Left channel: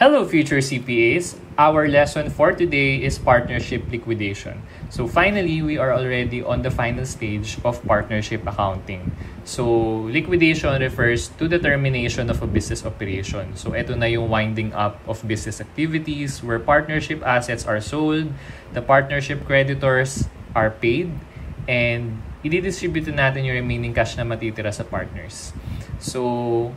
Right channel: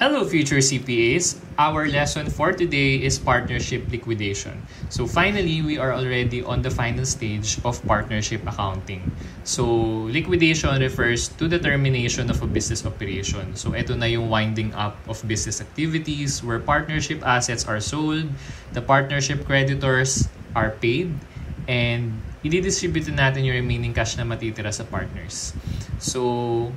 Hello future CPAs! Our lesson for today is partnership liquidation. So finally, we are already on the final stage of partnership accounting. So liquidation refers to the termination of a business operation. So ito na yung winding up of business activities where partnership assets are sold, the partnership creditors are paid, and i-distribute natin yung remaining cash na matitira sa partners. So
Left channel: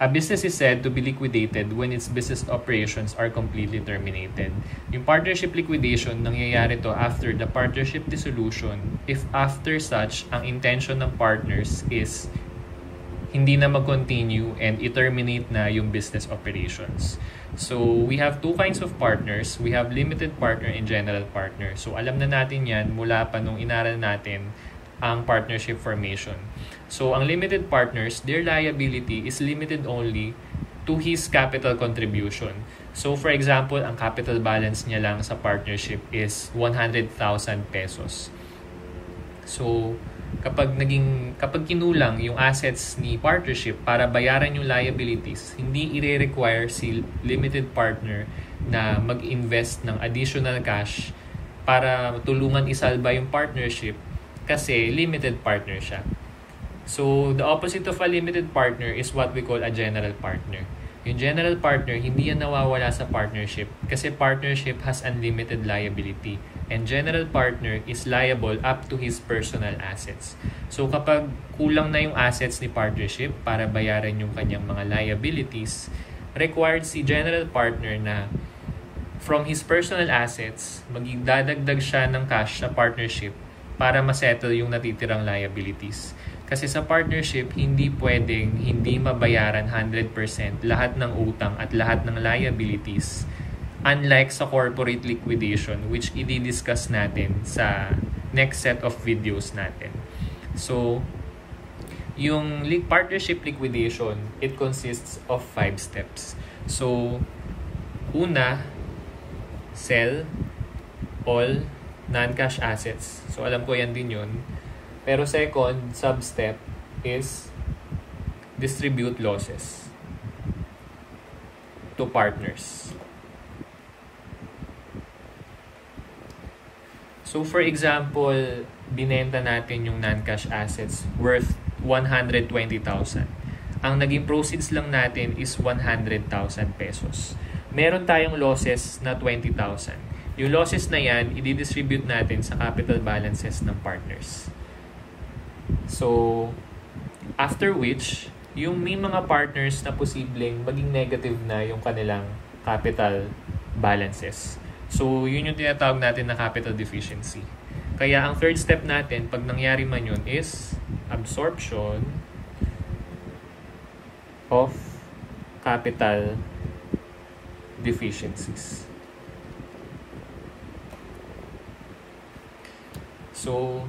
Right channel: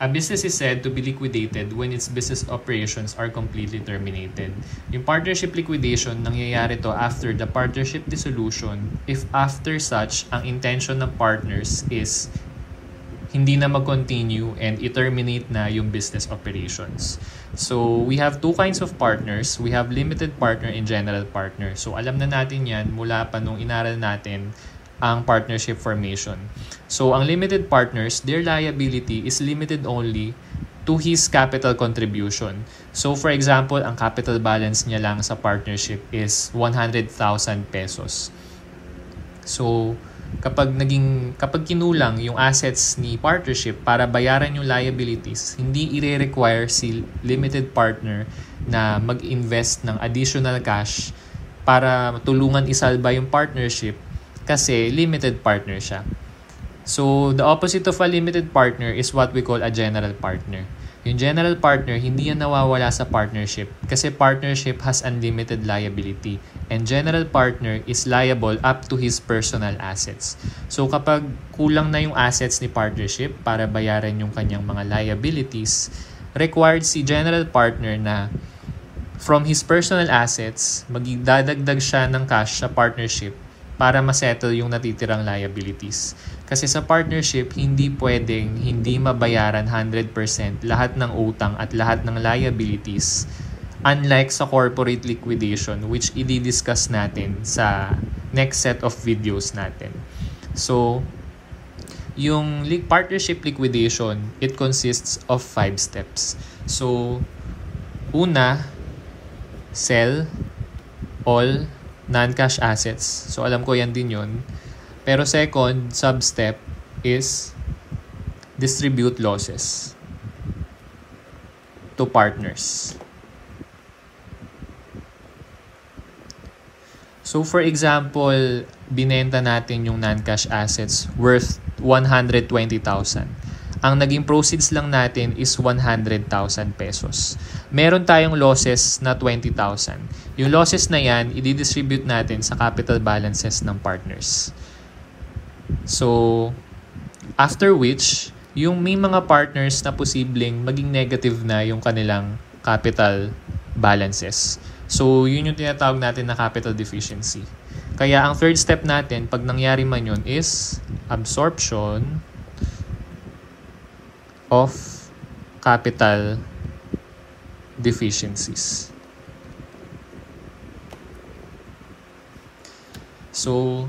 a business is said to be liquidated when its business operations are completely terminated. Yung partnership liquidation, nangyayari to after the partnership dissolution if after such, ang intention ng partners is hindi na mag-continue and i-terminate na yung business operations. So, we have two kinds of partners. We have limited partner and general partner. So, alam na natin yan mula pa nung inaral natin ang partnership formation. So, ang limited partners, their liability is limited only to his capital contribution. So, for example, ang capital balance niya lang sa partnership is 100,000 pesos. So, kapag kinulang yung assets ni partnership para bayaran yung liabilities, hindi i-require si limited partner na mag-invest ng additional cash para tulungan isalba yung partnership kasi limited partner siya. So, the opposite of a limited partner is what we call a general partner. Yung general partner, hindi yan nawawala sa partnership kasi partnership has unlimited liability and general partner is liable up to his personal assets. So, kapag kulang na yung assets ni partnership para bayaran yung kanyang mga liabilities, required si general partner na from his personal assets, magdadagdag siya ng cash sa partnership para masettle yung natitirang liabilities. Kasi sa partnership, hindi pwedeng hindi mabayaran 100% lahat ng utang at lahat ng liabilities. Unlike sa corporate liquidation, which i-discuss natin sa next set of videos natin. So, yung partnership liquidation, it consists of 5 steps. So, una, sell all non-cash assets. So, alam ko yan din yun. Pero second, sub-step is distribute losses to partners. So, for example, binenta natin yung non-cash assets worth 120,000. Ang naging proceeds lang natin is 100,000 pesos. Meron tayong losses na 20,000. Yung losses na yan, i-distribute natin sa capital balances ng partners. So, after which, yung may mga partners na posibleng maging negative na yung kanilang capital balances. So, yun yung tinatawag natin na capital deficiency. Kaya ang third step natin, pag nangyari man yun, is absorption of capital deficiencies. So,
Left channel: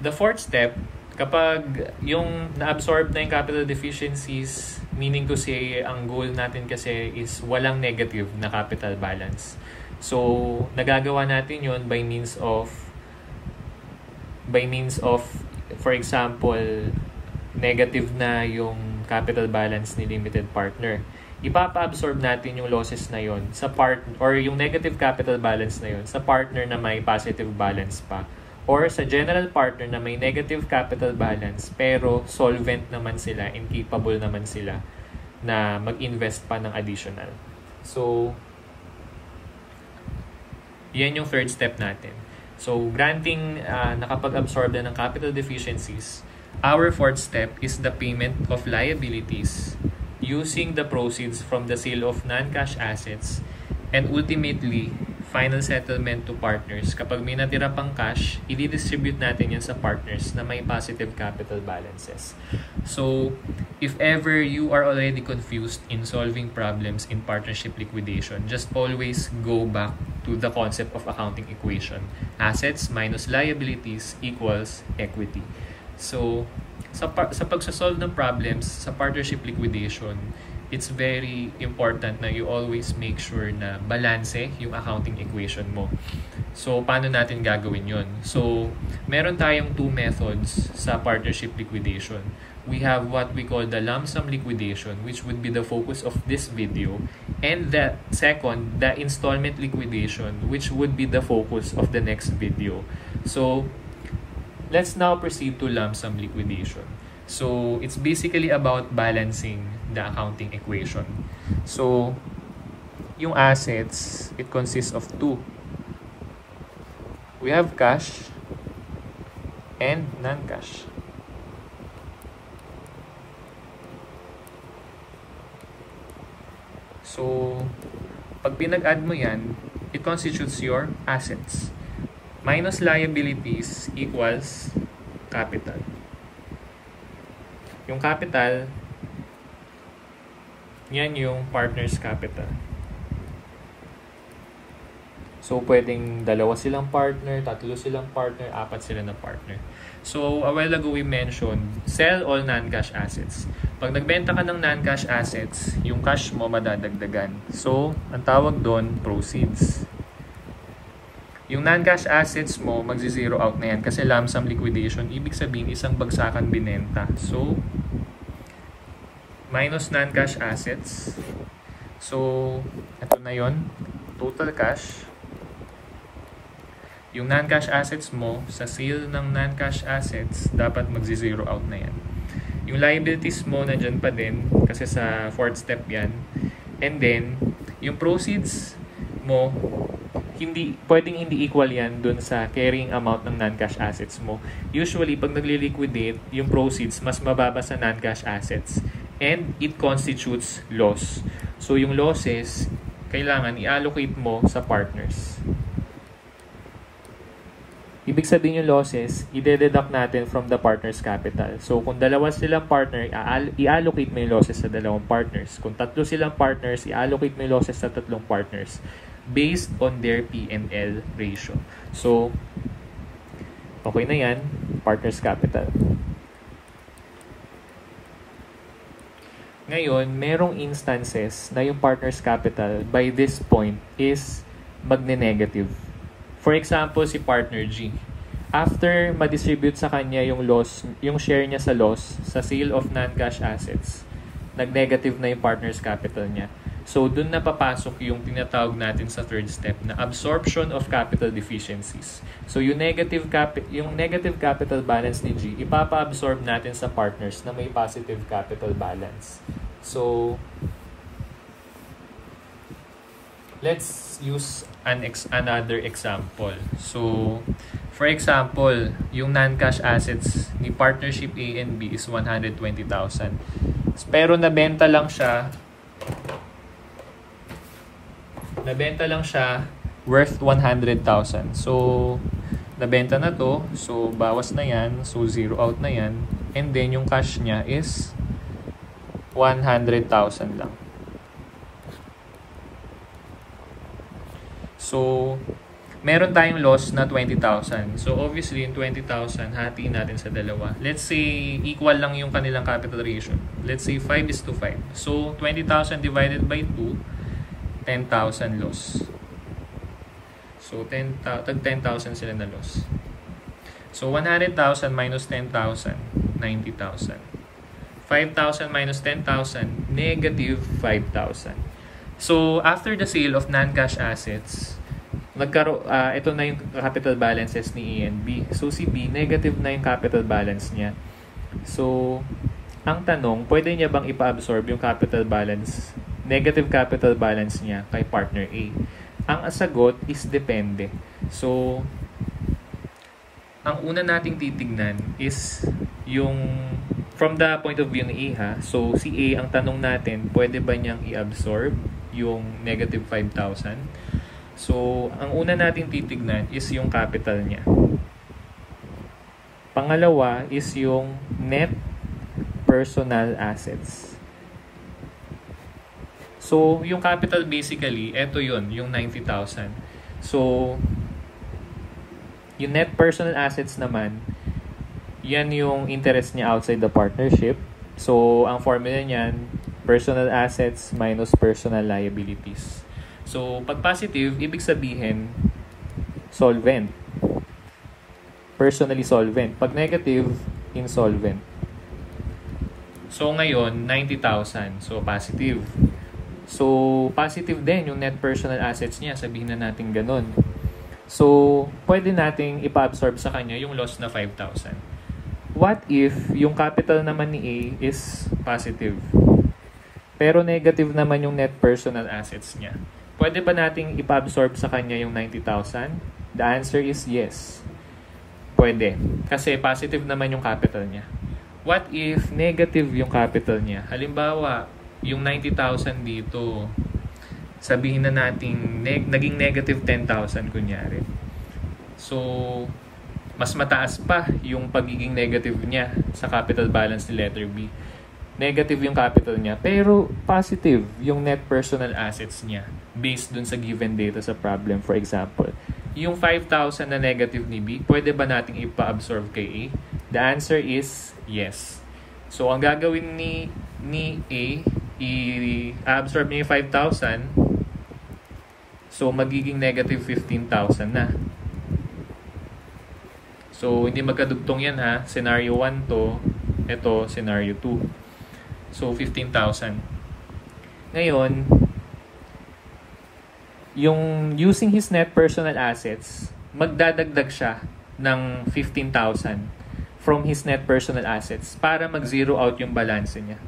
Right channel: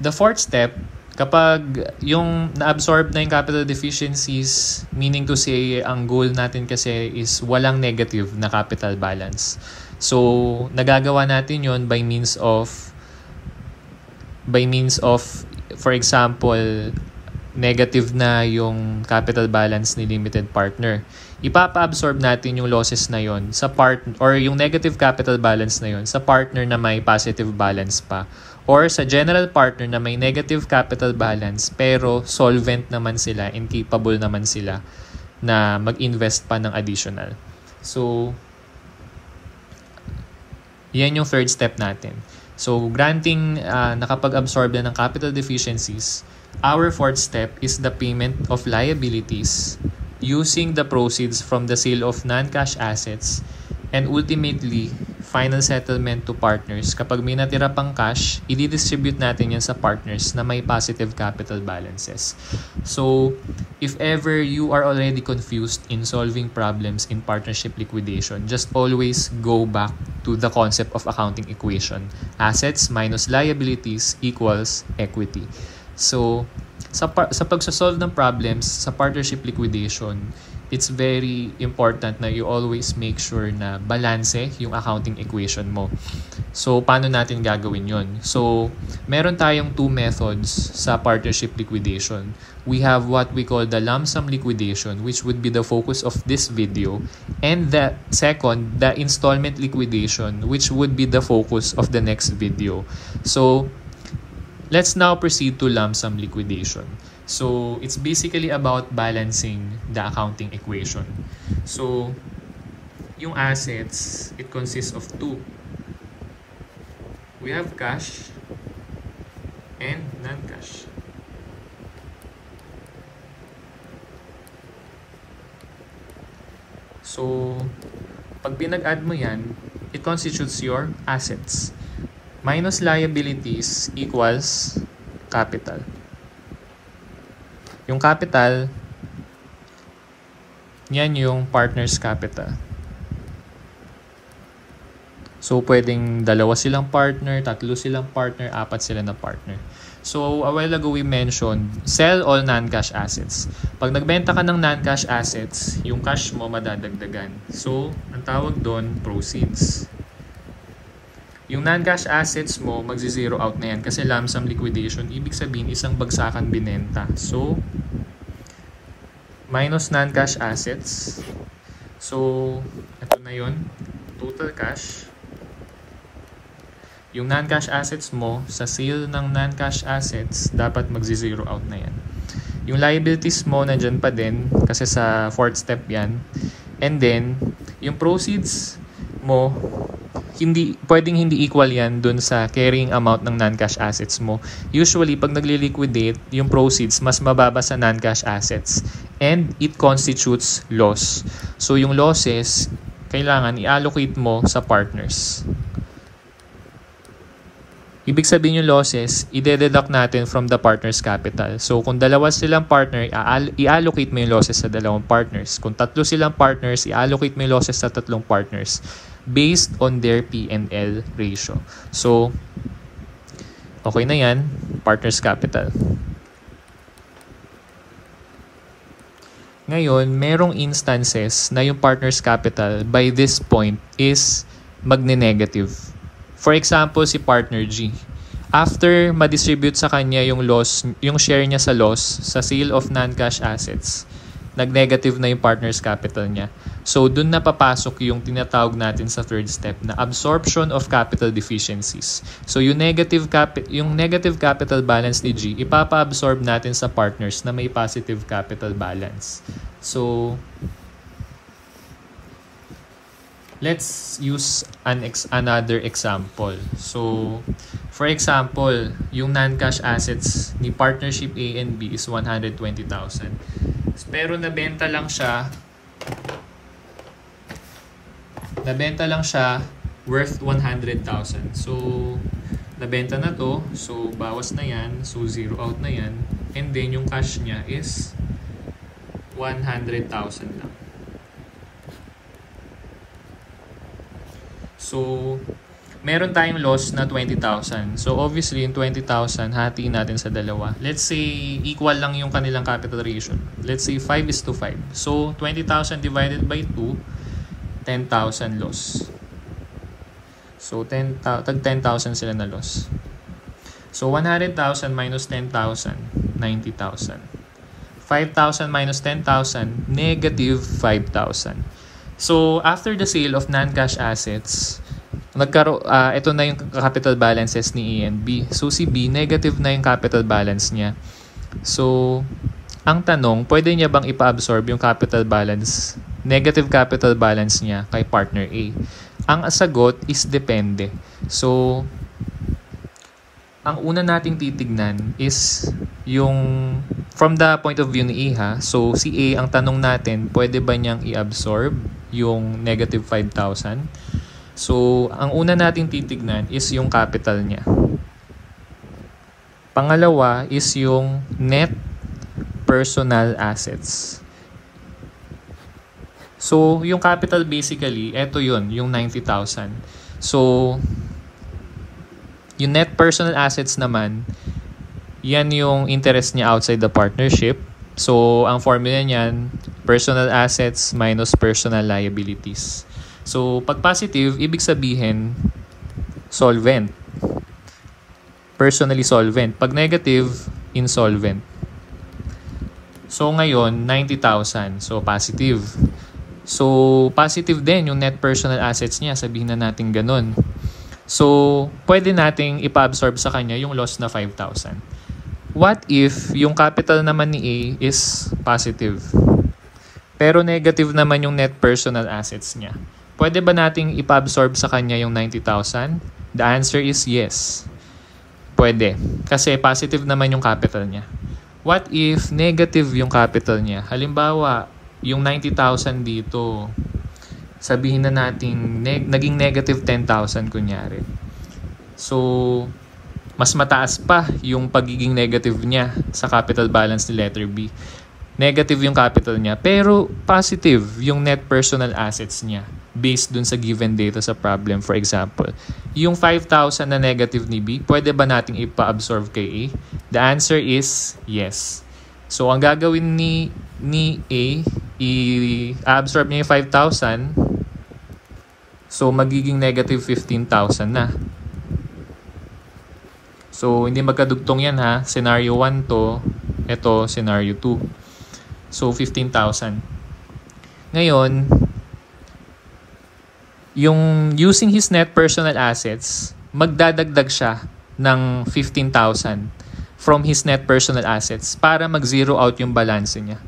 the fourth step, kapag yung na-absorb na yung capital deficiencies, meaning to say, ang goal natin kasi is walang negative na capital balance. So, nagagawa natin yon by means of, for example, negative na yung capital balance ni limited partner. Ipapa-absorb natin yung losses na yon sa or yung negative capital balance na yon sa partner na may positive balance pa, or sa general partner na may negative capital balance pero solvent naman sila, incapable naman sila na mag-invest pa ng additional. So, yan yung third step natin. So, granting nakapag-absorb na ng capital deficiencies, our fourth step is the payment of liabilities using the proceeds from the sale of non-cash assets and ultimately, final settlement to partners. Kapag may natira pang cash, i-distribute natin yan sa partners na may positive capital balances. So, if ever you are already confused in solving problems in partnership liquidation, just always go back to the concept of accounting equation. Assets minus liabilities equals equity. So, sa pagsasolve ng problems sa partnership liquidation, it's very important na you always make sure na balanse yung accounting equation mo. So, paano natin gagawin yon? So, meron tayong two methods sa partnership liquidation. We have what we call the lump sum liquidation, which would be the focus of this video. And the second, the installment liquidation, which would be the focus of the next video. So, let's now proceed to lump sum liquidation. So, it's basically about balancing the accounting equation. So, yung assets, it consists of two. We have cash and non-cash. So, pag pinag-add mo yan, it constitutes your assets. Minus liabilities equals capital. Yung capital, yan yung partner's capital. So, pwedeng dalawa silang partner, tatlo silang partner, apat sila na partner. So, a while ago we mentioned, sell all non-cash assets. Pag nagbenta ka ng non-cash assets, yung cash mo madadagdagan. So, ang tawag doon, proceeds. Yung non-cash assets mo, magzi-zero out na yan kasi lump sum liquidation, ibig sabihin isang bagsakan binenta. So, minus non-cash assets. So, ito na yon, total cash. Yung non-cash assets mo, sa sale ng non-cash assets, dapat magzi-zero out na yan. Yung liabilities mo, nandyan pa din, kasi sa fourth step yan. And then, yung proceeds mo, pwedeng hindi equal yan dun sa carrying amount ng non-cash assets mo. Usually, pag nagli-liquidate, yung proceeds mas mababa sa non-cash assets. And it constitutes loss. So, yung losses, kailangan i-allocate mo sa partners. Ibig sabihin yung losses, i-deduct natin from the partner's capital. So, kung dalawa silang partner, i-allocate mo yung losses sa dalawang partners. Kung tatlo silang partners, i-allocate mo yung losses sa tatlong partners based on their P&L ratio. So, okay na yan, partner's capital. Ngayon, merong instances na yung partner's capital by this point is magne-negative. For example, si partner G. After ma-distribute sa kanya yung loss, yung share niya sa loss sa sale of non-cash assets, nag-negative na yung partner's capital niya. So, dun na papasok yung tinatawag natin sa third step na absorption of capital deficiencies. So, yung negative capital balance ni G, ipapa-absorb natin sa partners na may positive capital balance. So, let's use another example. So, for example, yung non-cash assets ni partnership A and B is 120,000. Pero nabenta lang siya worth 100,000. So, nabenta na to. So, bawas na yan. So, zero out na yan. And then, yung cash niya is 100,000 lang. So, meron tayong loss na 20,000. So, obviously, yung 20,000, hatiin natin sa dalawa. Let's say, equal lang yung kanilang capital ratio. Let's say, 5:5. So, 20,000 divided by 2, 10,000 loss. So, 10,000 sila na loss. So, 100,000 minus 10,000, 90,000. 5,000 minus 10,000, negative 5,000. So, after the sale of non-cash assets, ito na yung capital balances ni A and B. So, si B, negative na yung capital balance niya. So, ang tanong, pwede niya bang ipa-absorb yung negative capital balance niya kay partner A? Ang sagot is depende. So, ang una nating titignan is yung from the point of view ni A ha. So, si A, ang tanong natin, pwede ba niyang i-absorb yung negative 5,000? So, ang una nating titignan is yung capital niya. Pangalawa is yung net personal assets. So, yung capital basically, eto yun, yung 90,000. So, yung net personal assets naman, yan yung interest niya outside the partnership. So, ang formula niyan, Personal assets minus personal liabilities. So, pag positive, ibig sabihin, solvent. Personally solvent. Pag negative, insolvent. So, ngayon, 90,000. So, positive. So, positive din yung net personal assets niya. Sabihin na natin ganun. So, pwede nating ipa-absorb sa kanya yung loss na 5,000. What if yung capital naman ni A is positive? Pero negative naman yung net personal assets niya. Pwede ba nating ipa-absorb sa kanya yung 90,000? The answer is yes. Pwede. Kasi positive naman yung capital niya. What if negative yung capital niya? Halimbawa, yung 90,000 dito, sabihin na natin naging negative 10,000 kunyari. So, mas mataas pa yung pagiging negative niya sa capital balance ni letter B. Negative yung capital niya, pero positive yung net personal assets niya based dun sa given data sa problem. For example, yung 5,000 na negative ni B, pwede ba natin ipa-absorb kay A? The answer is yes. So, ang gagawin ni A, i-absorb niya yung 5,000. So, magiging negative 15,000 na. So, hindi magkadugtong yan ha. Scenario 1 to. Ito, scenario 2. So, 15,000. Ngayon, yung using his net personal assets, magdadagdag siya ng 15,000 from his net personal assets para mag-zero out yung balance niya.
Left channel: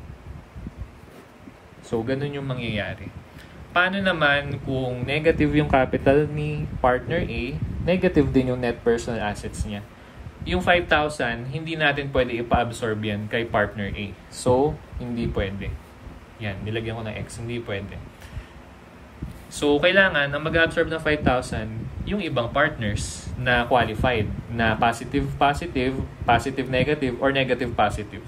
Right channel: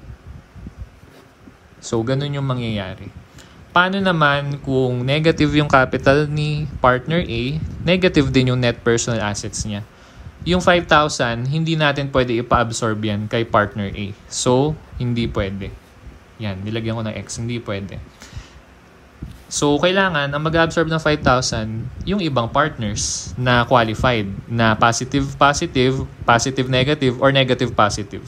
So, ganun yung mangyayari. Paano naman kung negative yung capital ni partner A, negative din yung net personal assets niya? Yung 5,000, hindi natin pwede ipa-absorb yan kay partner A. So, hindi pwede. Yan, nilagyan ko ng X. Hindi pwede. So, kailangan, ang mag-absorb ng 5,000, yung ibang partners na qualified, na positive-positive, positive-negative, or negative-positive.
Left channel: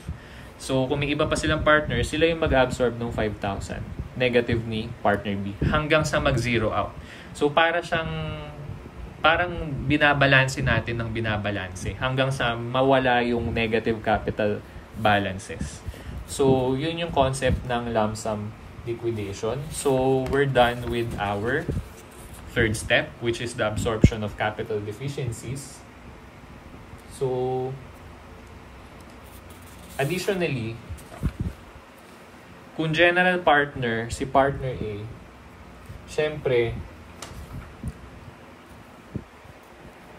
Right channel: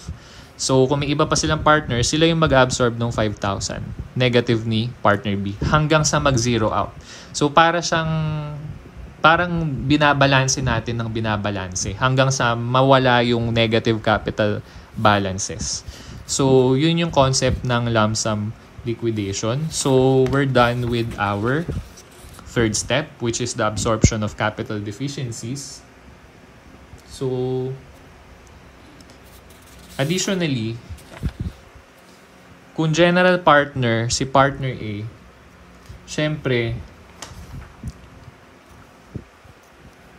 So, kung may iba pa silang partners, sila yung mag-absorb ng 5,000. Negative ni partner B. Hanggang sa mag-zero out. So, parang binabalanse natin ng binabalanse hanggang sa mawala yung negative capital balances. So, yun yung concept ng lump sum liquidation. So, we're done with our third step, which is the absorption of capital deficiencies. So, additionally, kung general partner, si partner A, syempre,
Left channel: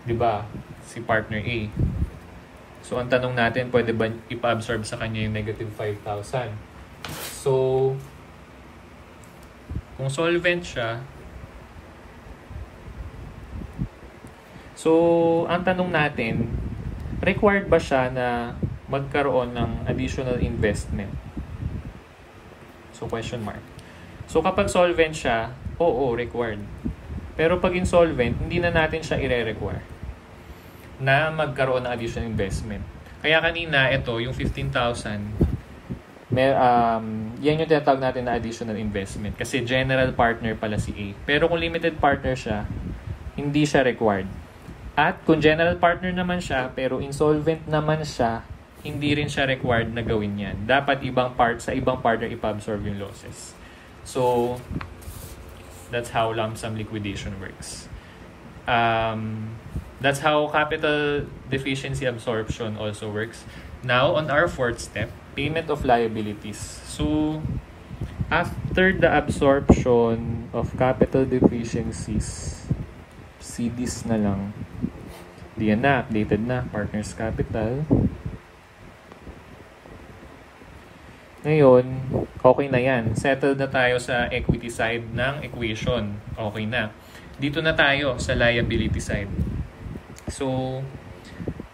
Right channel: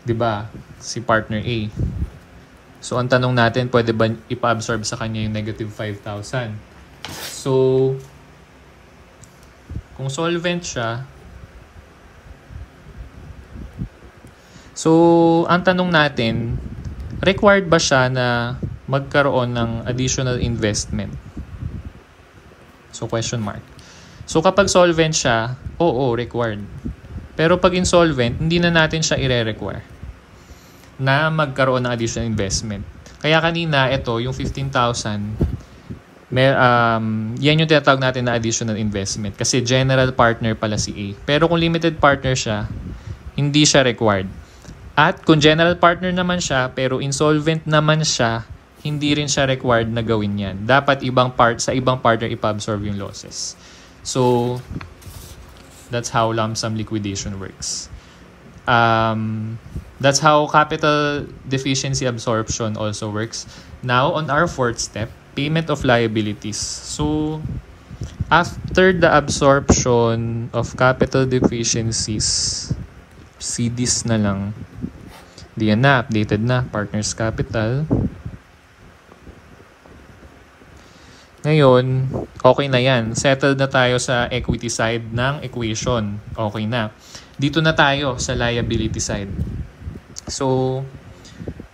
diba, si partner A. So, ang tanong natin, pwede ba ipa-absorb sa kanya yung negative 5,000? So, kung solvent siya, so, ang tanong natin, required ba siya na magkaroon ng additional investment? So, question mark. So, kapag solvent siya, oo, required. Pero pag insolvent, hindi na natin siya i-require na magkaroon ng additional investment. Kaya kanina, ito, yung 15,000, yan yung tinatawag natin na additional investment. Kasi general partner pala si A. Pero kung limited partner siya, hindi siya required. At kung general partner naman siya, pero insolvent naman siya, hindi rin siya required na gawin yan. Dapat sa ibang partner ipa-absorb yung losses. So, that's how lump sum liquidation works. That's how capital deficiency absorption also works. Now, on our fourth step, payment of liabilities. So, after the absorption of capital deficiencies, CDs na lang. Diyan na, updated na, partner's capital. Ngayon, okay na yan. Settled na tayo sa equity side ng equation. Okay na. Dito na tayo sa liability side. So,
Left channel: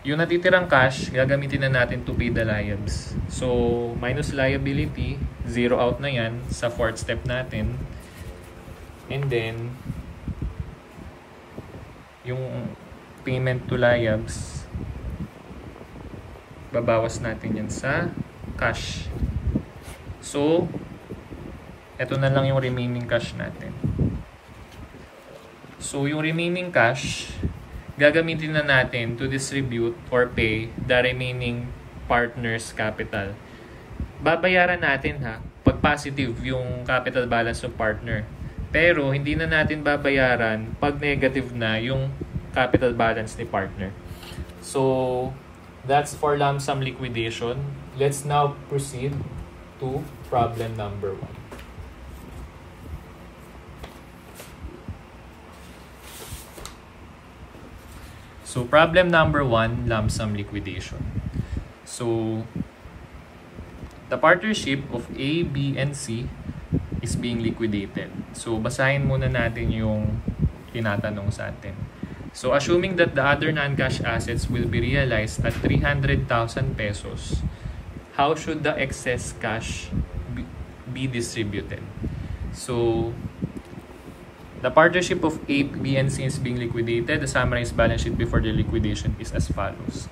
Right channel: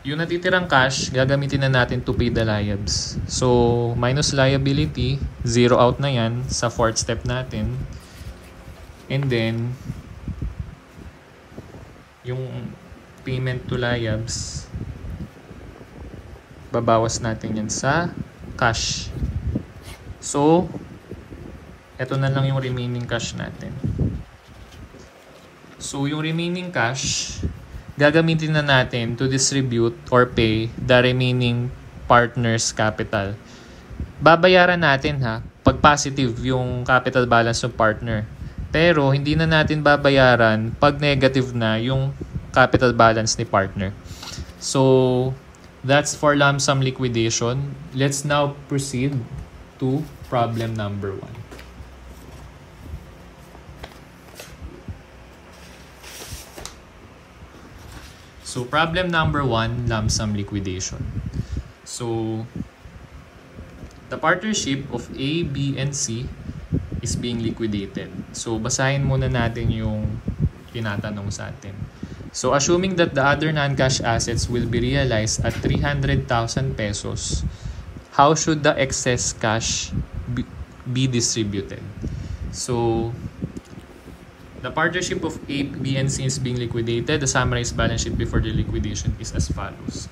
yung natitirang cash, gagamitin na natin to pay the liabs. So, minus liability, zero out na yan sa fourth step natin. And then, yung payment to liabs, babawas natin yan sa cash. So, eto na lang yung remaining cash natin. So, yung remaining cash, gagamitin na natin to distribute or pay the remaining partner's capital. Babayaran natin ha, pag positive yung capital balance ng partner. Pero hindi na natin babayaran pag negative na yung capital balance ni partner. So, that's for lump sum liquidation. Let's now proceed to problem number 1. So, problem number 1, lump sum liquidation. So, the partnership of A, B, and C is being liquidated. So, basahin muna natin yung tinatanong sa atin. So, assuming that the other non-cash assets will be realized at 300,000 pesos, how should the excess cash be distributed? So, the partnership of A, B, and C is being liquidated. The summarized balance sheet before the liquidation is as follows.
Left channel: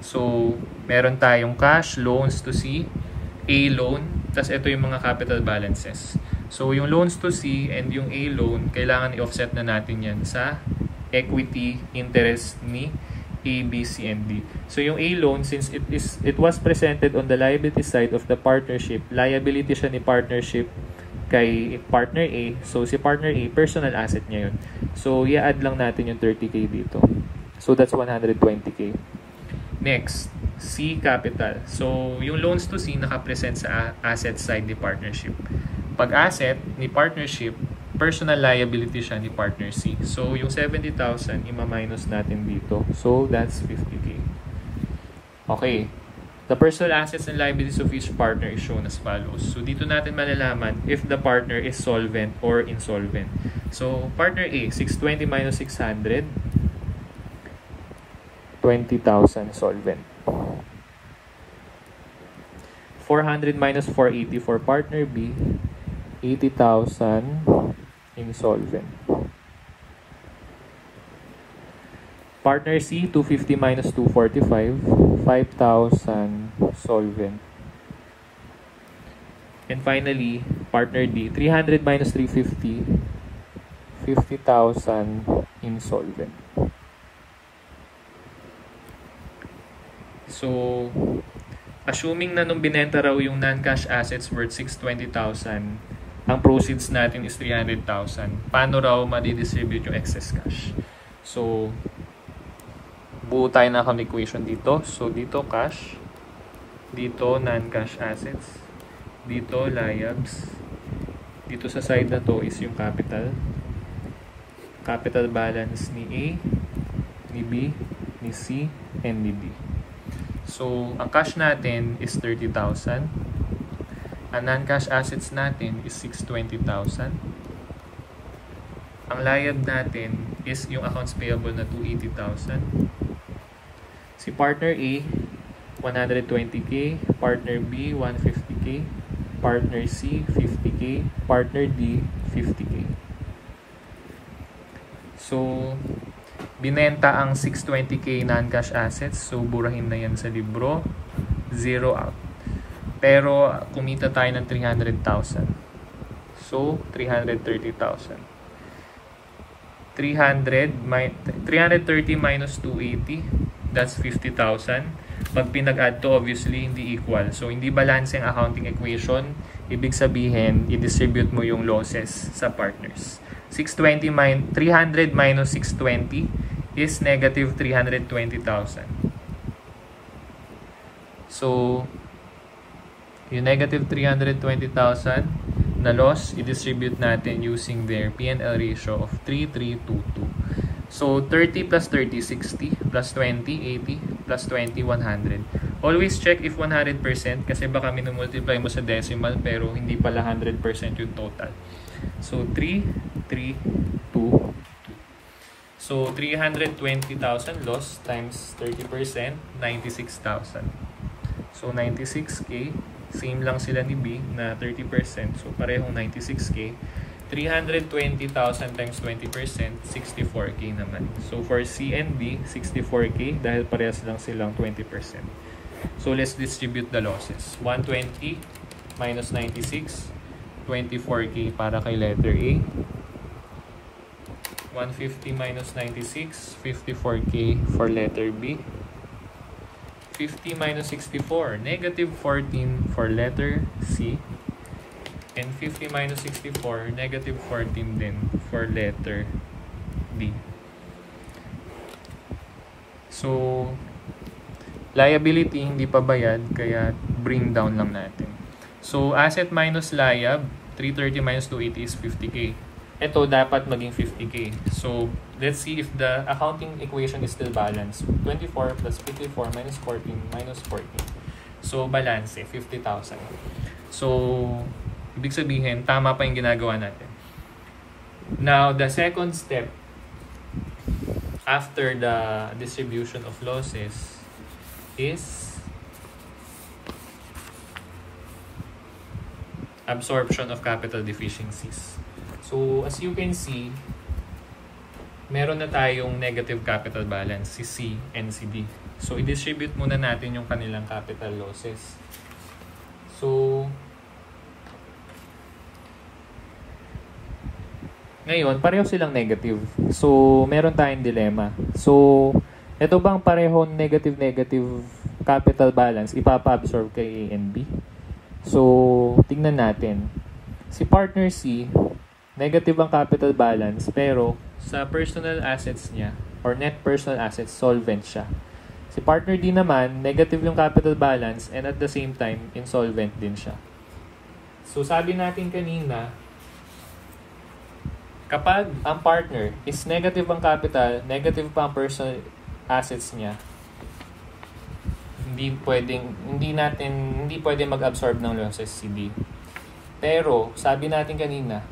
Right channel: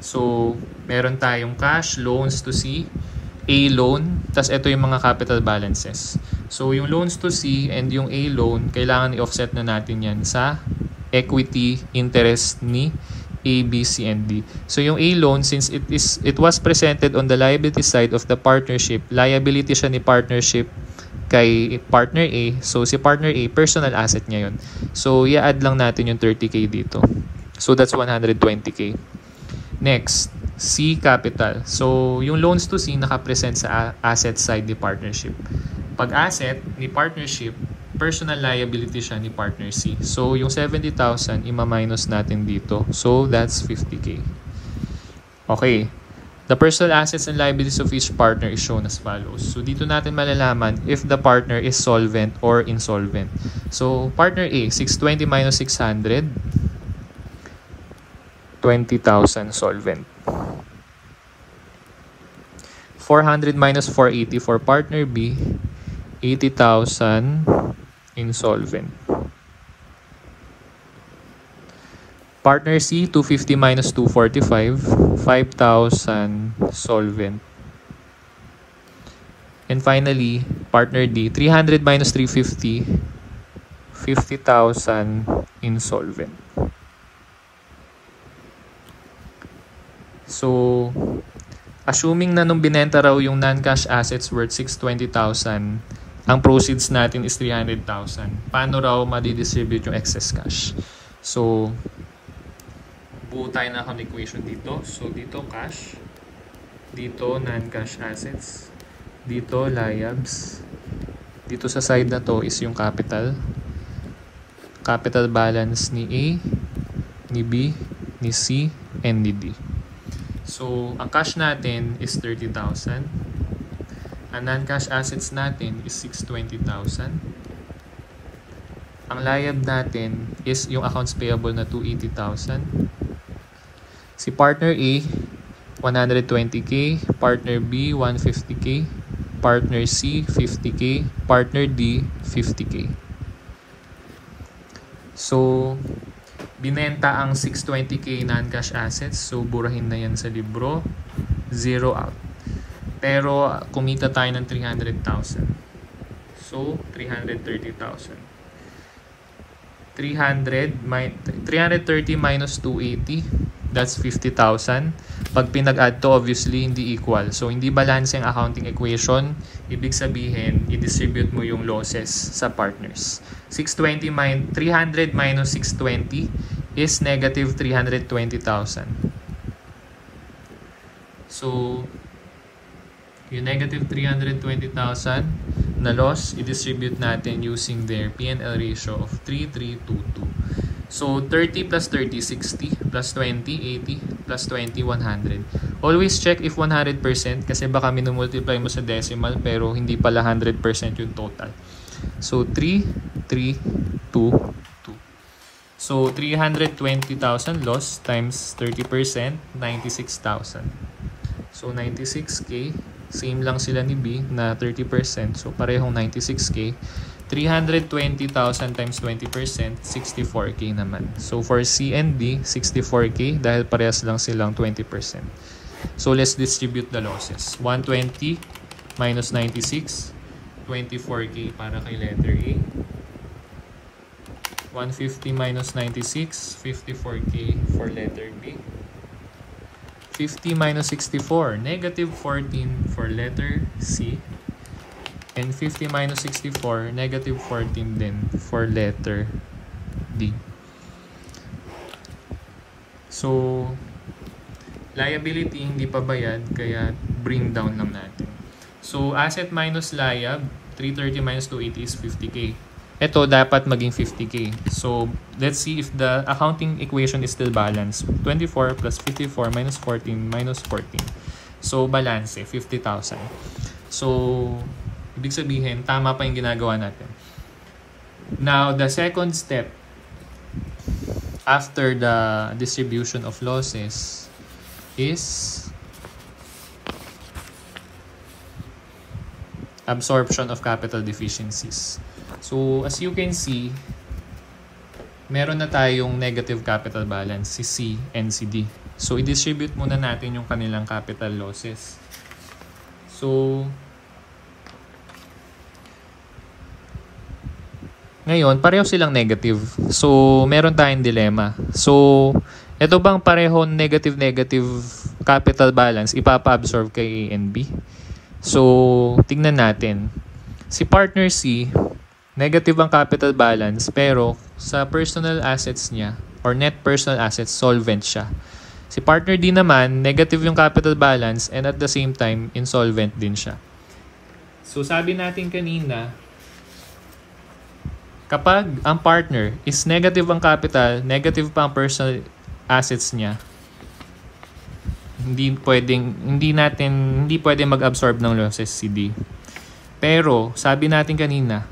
So, meron tayong cash, loans to C, A loan, tas ito yung mga capital balances. So, yung loans to C and yung A loan, kailangan i-offset na natin yan sa equity interest ni A, B, C, and D. So, yung A loan, since it was presented on the liability side of the partnership, liability siya ni partnership kay partner A. So, si partner A, personal asset niya yun. So, i-add lang natin yung 30K dito. So, that's 120K. Next, C capital. So, yung loans to C nakapresent sa asset side ni partnership. Pag asset ni partnership, personal liability siya ni partner C. So, yung 70,000, ima-minus natin dito. So, that's 50K. Okay. The personal assets and liabilities of each partner is shown as follows. So, dito natin malalaman if the partner is solvent or insolvent. So, partner A, 620 minus 600, 20,000 solvent. 400 minus 480 for partner B, 80,000 insolvent. Partner C, 250 minus 245, 5,000 solvent. And finally, partner D, 300 minus 350, 50,000 insolvent. So, assuming na nung binenta raw yung non-cash assets worth 620,000, ang proceeds natin is 300,000. Paano raw madidistribute yung excess cash? So, buo tayo ng account equation dito. So, dito cash, dito non-cash assets, dito liabs, dito sa side na to is yung capital. Capital balance ni A, ni B, ni C, and ni D. So, ang cash natin is 30,000. Ang non-cash assets natin is 620,000. Ang liab natin is yung accounts payable na 280,000. Si partner A, 120K. Partner B, 150K. Partner C, 50K. Partner D, 50K. So, binenta ang 620K non-cash assets. So, burahin na yan sa libro. Zero out. Pero, kumita tayo ng 300,000. So, 330,000. 330 minus 280, that's 50,000. Pag pinag-add to, obviously, hindi equal. So, hindi balance ang accounting equation. Ibig sabihin, i-distribute mo yung losses sa partners. 300 minus 620 is negative 320,000. So, yung negative 320,000 na loss, i-distribute natin using their P&L ratio of 3,322. So, 30 plus 30, 60, plus 20, 80, plus 20, 100. Always check if 100% kasi baka minumultiply mo sa decimal pero hindi pala 100% yung total. So, 3,322. So, 320,000 loss times 30%, 96,000. So, 96K. Same lang sila ni B na 30%. So, parehong 96K. 320,000 times 20%, 64K naman. So, for C and D, 64K dahil parehas lang silang 20%. So, let's distribute the losses. 120 minus 96, 24K para kay letter A. 150 minus 96, 54K for letter B. 50 minus 64, negative 14 for letter C. And 50 minus 64, negative 14 din for letter D. So, liability hindi pa bayad, kaya bring down lang natin. So, asset minus liab, 330 minus 280 is 50K. Ito dapat maging 50K. So, let's see if the accounting equation is still balanced. 24 plus 54 minus 14 minus 14. So, balance 50,000. So, ibig sabihin, tama pa yung ginagawa natin. Now, the second step after the distribution of losses is absorption of capital deficiencies. So, as you can see, meron na tayong negative capital balance, si C and si D. So, i-distribute muna natin yung kanilang capital losses. So, ngayon, pareho silang negative. So, meron tayong dilemma. So, ito bang pareho negative capital balance ipapa-absorb kay A and B? So, tingnan natin. Si partner C, negative ang capital balance pero sa personal assets niya or net personal assets, solvent siya. Si partner D naman, negative yung capital balance and at the same time, insolvent din siya. So, sabi natin kanina, kapag ang partner is negative ang capital, negative pa ang personal assets niya, hindi pwedeng mag-absorb ng losses si D. Pero, sabi natin kanina,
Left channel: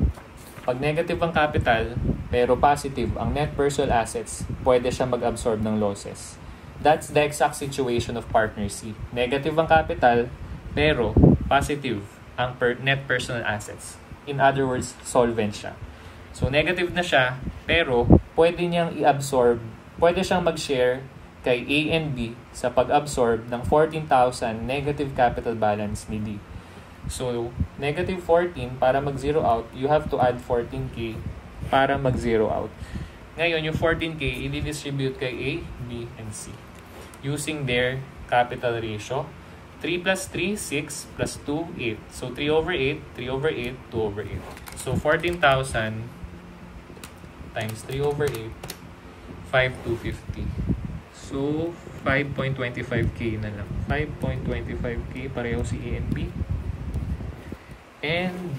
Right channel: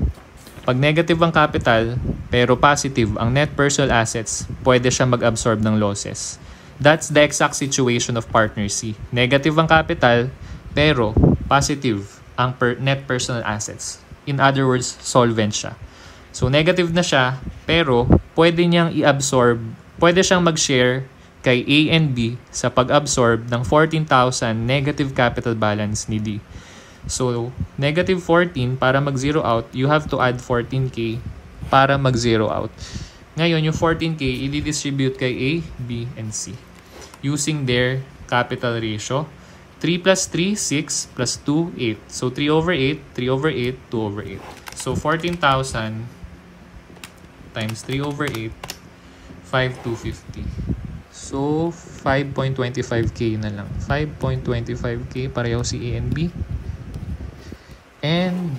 pag negative ang capital, pero positive ang net personal assets, pwede siya mag-absorb ng losses. That's the exact situation of partner C. Negative ang capital, pero positive ang net personal assets. In other words, solvent siya. So, negative na siya, pero pwede niyang i-absorb, pwede siyang mag-share kay A and B sa pag-absorb ng 14,000 negative capital balance ni D. So, negative 14, para mag-zero out, you have to add 14K para mag-zero out. Ngayon, yung 14K, i-distribute kay A, B, and C using their capital ratio. 3 plus 3, 6, plus 2, 8. So, 3 over 8, 3 over 8, 2 over 8. So, 14,000 times 3 over 8, 5,250. So, 5.25K na lang. 5.25K, pareho si A and B. And,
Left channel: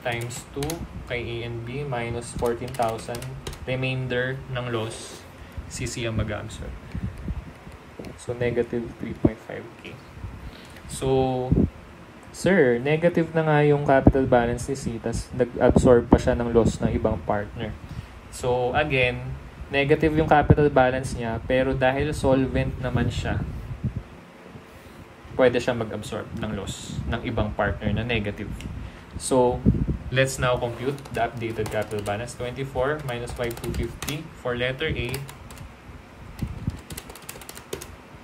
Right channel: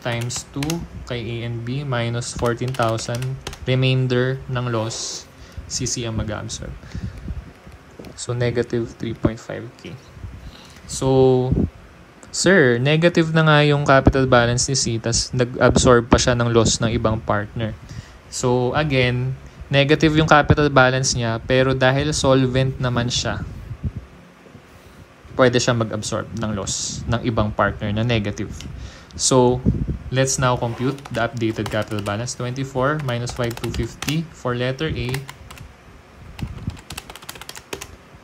times 2 kay A and B, minus 14,000. Remainder ng loss, si C ang mag-absorb. So, negative 3.5K. So, sir, negative na nga yung capital balance ni C, tas nag-absorb pa siya ng loss ng ibang partner. So, again, negative yung capital balance niya, pero dahil solvent naman siya, pwede siya mag-absorb ng loss ng ibang partner na negative. So, let's now compute the updated capital balance. 24 minus 5,250 for letter A,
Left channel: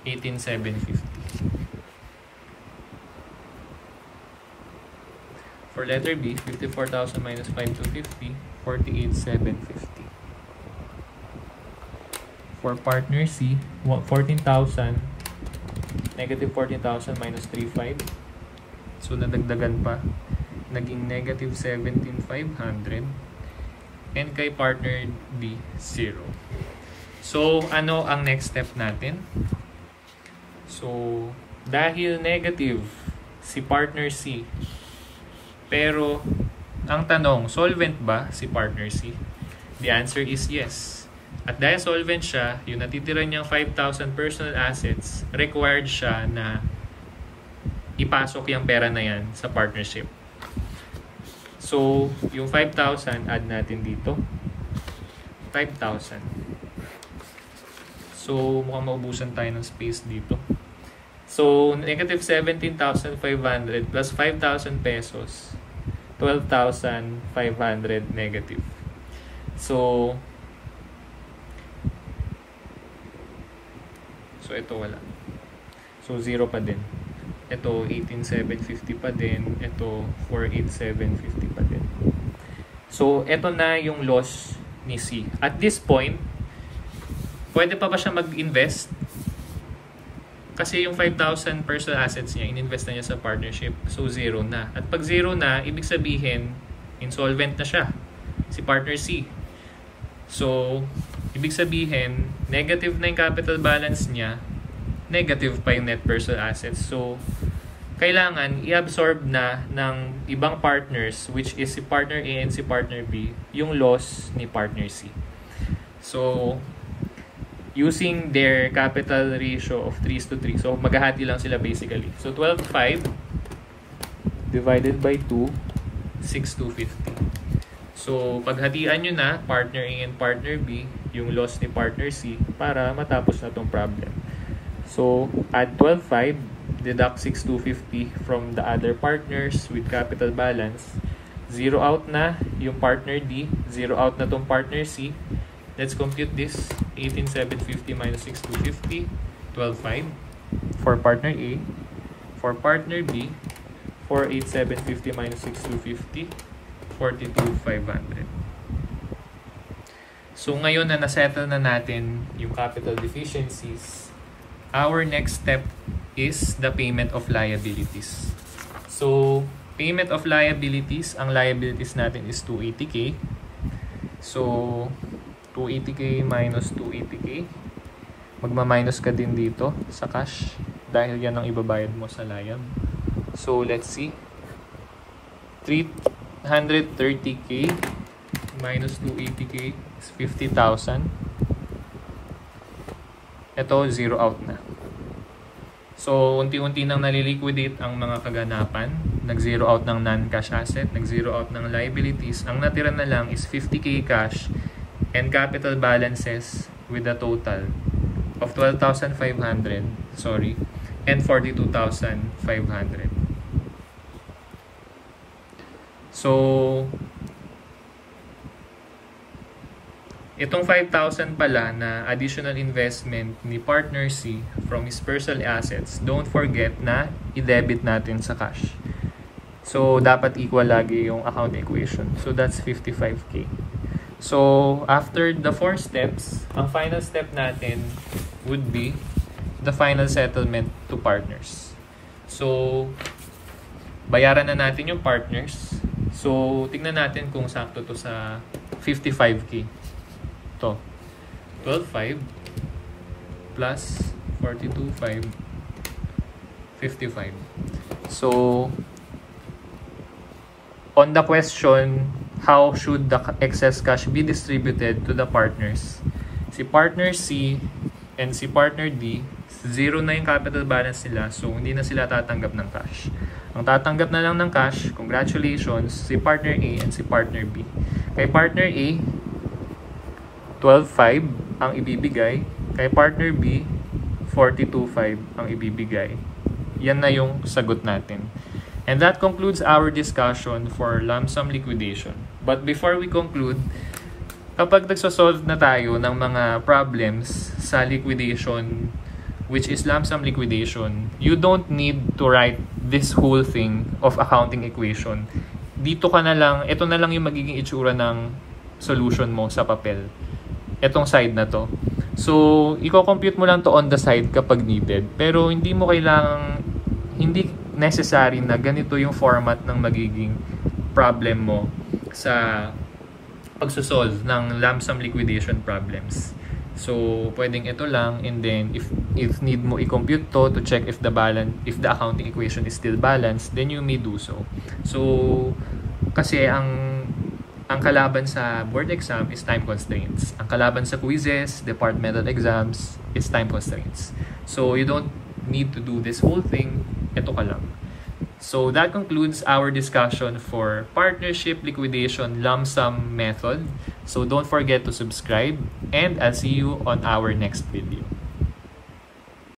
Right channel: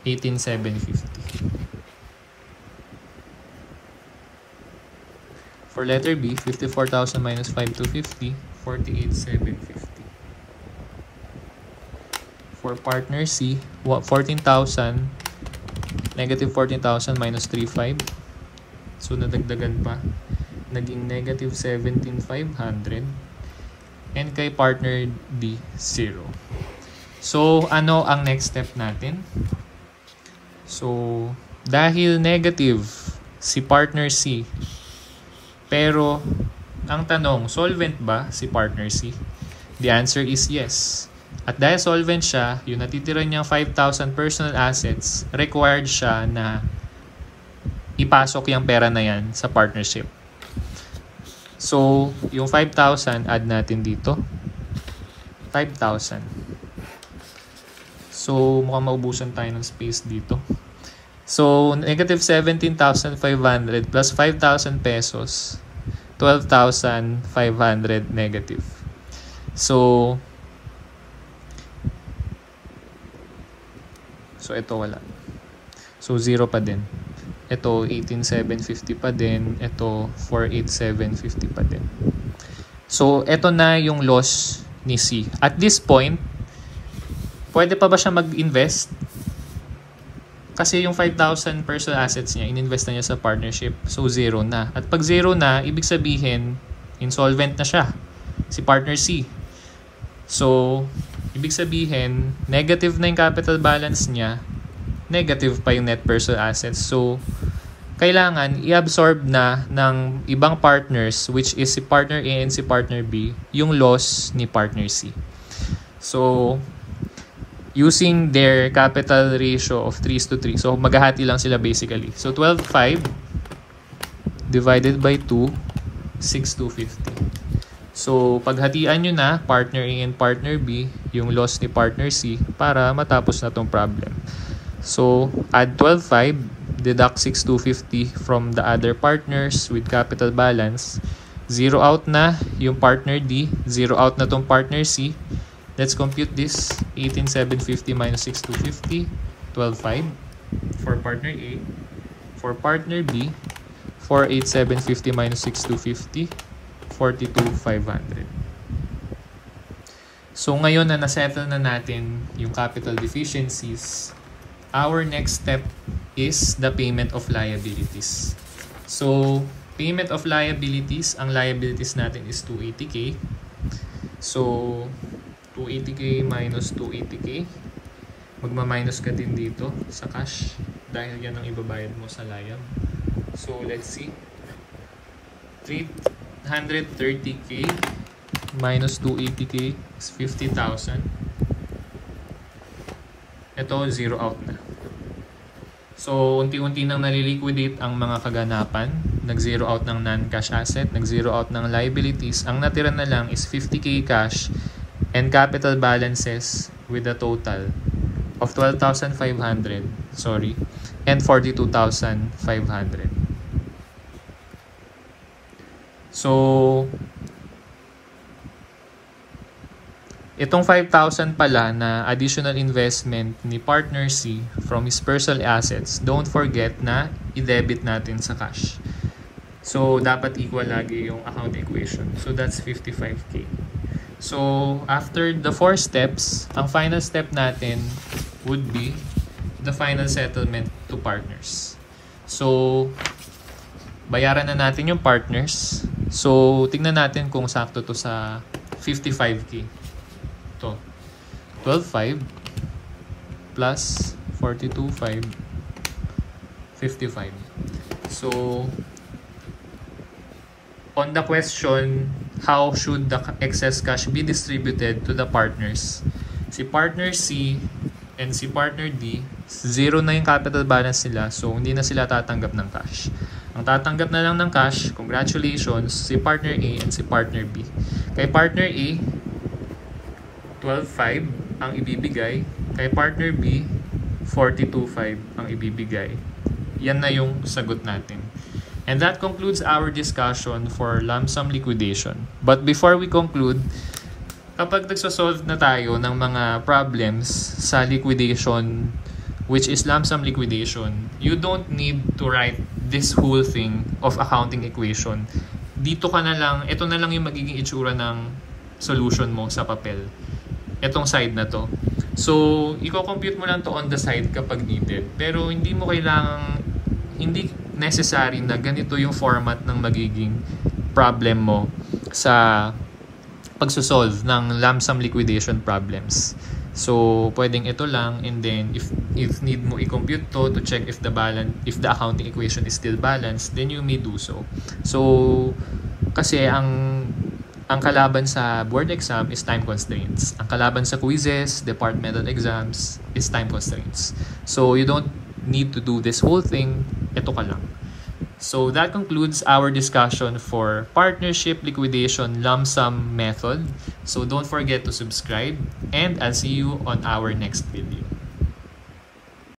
18,750. For letter B, 54,000 minus 5,250, 48,750. For partner C, 14,000, negative 14,000 minus 3,500. So, nadagdagan pa. Naging negative 17,500. And kay partner D, 0. So, ano ang next step natin? So, dahil negative si partner C, pero ang tanong, solvent ba si partner C? The answer is yes. At dahil solvent siya, yung natitira niyang 5,000 personal assets, required siya na ipasok yung pera na yan sa partnership. So, yung 5,000, add natin dito. 5,000. So, mukhang maubusan tayo ng space dito. So, negative 17,500 plus 5,000 pesos, 12,500 negative. So, ito wala. So, 0 pa din. Ito, 18,750 pa din. Ito, 48,750 pa din. So, ito na yung loss ni C. At this point, pwede pa ba siya mag-invest? Kasi yung 5,000 personal assets niya, ininvest na niya sa partnership. So, zero na. At pag zero na, ibig sabihin, insolvent na siya. Si partner C. So, ibig sabihin, negative na yung capital balance niya, negative pa yung net personal assets. So, kailangan i-absorb na ng ibang partners, which is si partner A and si partner B, yung loss ni partner C. So, using their capital ratio of 3:3, so maghahati lang sila basically. So, 12,500 divided by 2, 6,250. So, paghatian nyo na, partner A and partner B, yung loss ni partner C, para matapos na tong problem. So, add 12,500, deduct 6,250 from the other partners with capital balance. Zero out na yung partner D, zero out na tong partner C. Let's compute this. 18,750 minus 6,250, 12,500 for partner A. For partner B, 4,8,750 minus 6,250, 42,500. So ngayon na nasettle na natin yung capital deficiencies, our next step is the payment of liabilities. So, payment of liabilities, ang liabilities natin is 280k. So, 280k minus 280k. Magma-minus ka din dito sa cash dahil yan ang ibabayad mo sa liab. So, let's see. 330k minus 280k is 50,000. Ito, zero out na. So, unti-unti nang naliliquidate ang mga kaganapan. Nag-zero out ng non-cash asset, nag-zero out ng liabilities. Ang natira na lang is 50k cash and capital balances with a total of 12,500, and 42,500. So, itong 5,000 pala na additional investment ni partner C from his personal assets, don't forget na i-debit natin sa cash. So, dapat equal lagi yung account equation. So, that's 55k. So, after the 4 steps, ang final step natin would be the final settlement to partners. So, bayaran na natin yung partners. So, tingnan natin kung sakto to sa 55k. Ito, 12,500 plus 42,500, 55. So, on the question, how should the excess cash be distributed to the partners? Si partner C and si partner D, zero na yung capital balance nila, so hindi na sila tatanggap ng cash. Ang tatanggap na lang ng cash, congratulations, si partner A and si partner B. Kay partner A, 12,500 ang ibibigay. Kay partner B, 42,500 ang ibibigay. Yan na yung sagot natin. And that concludes our discussion for lump sum liquidation. But before we conclude, kapag nagsosolve na tayo ng mga problems sa liquidation, which is lump sum liquidation, you don't need to write this whole thing of accounting equation. Dito ka na lang, ito na lang yung magiging itsura ng solution mo sa papel. Etong side na to. So, i-compute mo lang to on the side kapag needed. Pero hindi mo kailangang, hindi necessary na ganito yung format ng magiging problem mo sa pagsosolve ng lump sum liquidation problems. So, pwedeng ito lang, and then if need mo i-compute to check if the accounting equation is still balanced, then you may do so. So, kasi ang kalaban sa board exam is time constraints. Ang kalaban sa quizzes, departmental exams is time constraints. So, you don't need to do this whole thing. Ito ka lang. So, that concludes our discussion for partnership liquidation lump sum method. So, don't forget to subscribe, and I'll see you on our next video.